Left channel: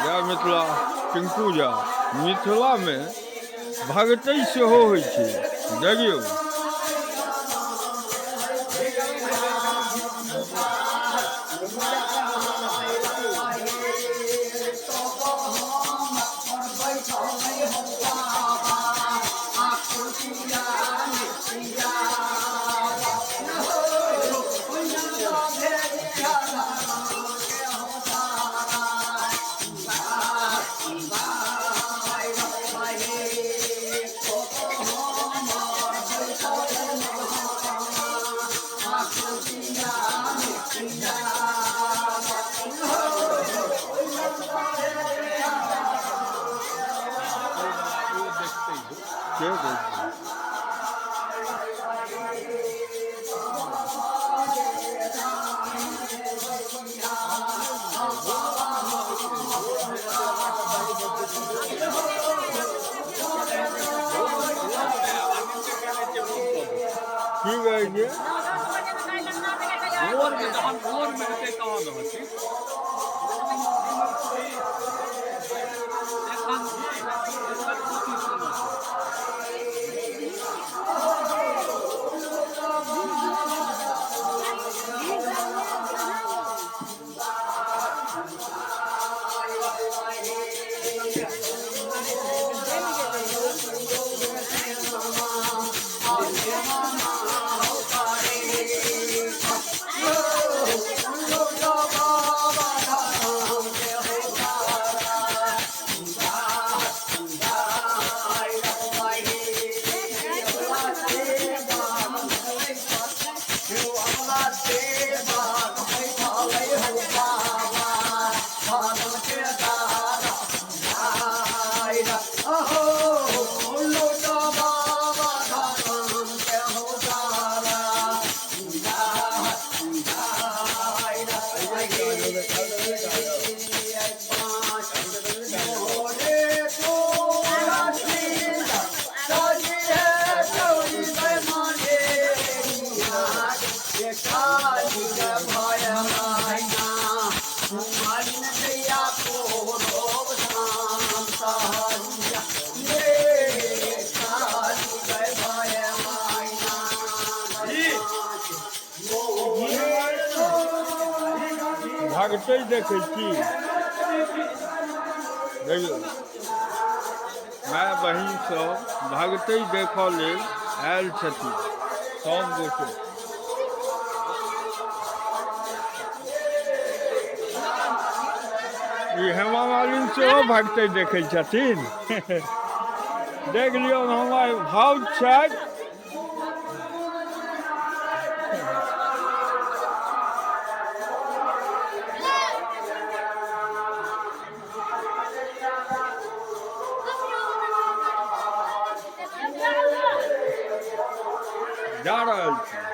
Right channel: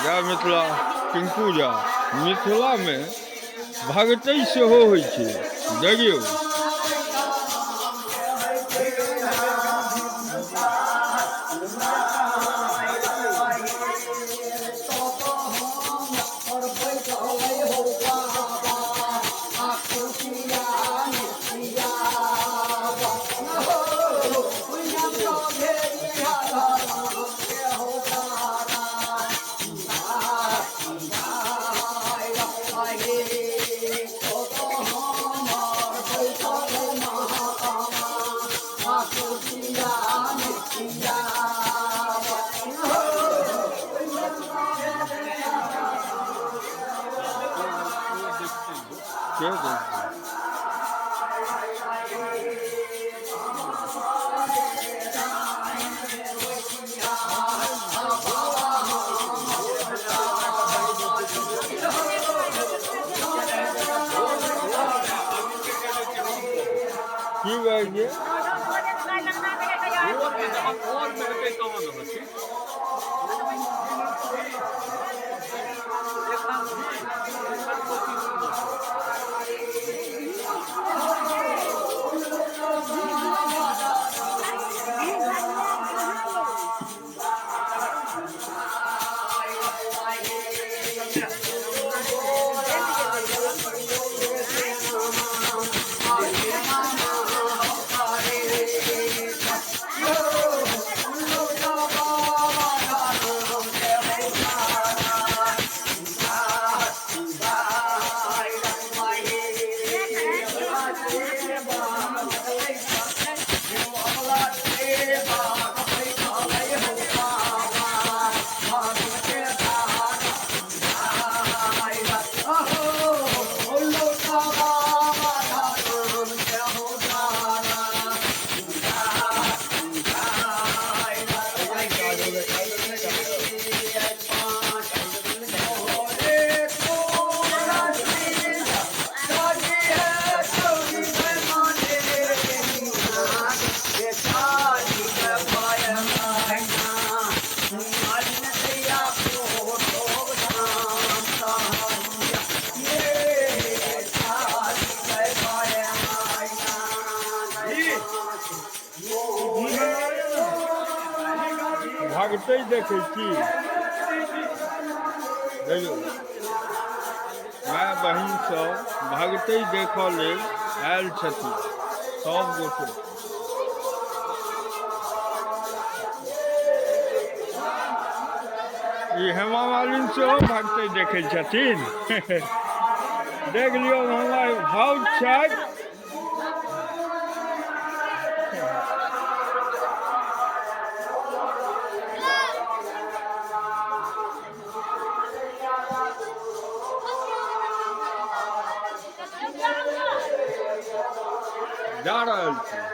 जय मिथिला टिंकू झा मिथिला में भगतै सेहो होइ छै देखियौ। की कहिए भागते देखे छी देखियौ माय बहिन सब भागते देखऽ लेल आयल छथिन सब गोटे। ई हेमा मालिनी सेहो भागते देखे छथिन देख लियौ हमर भाव छथि। जा रहल छी।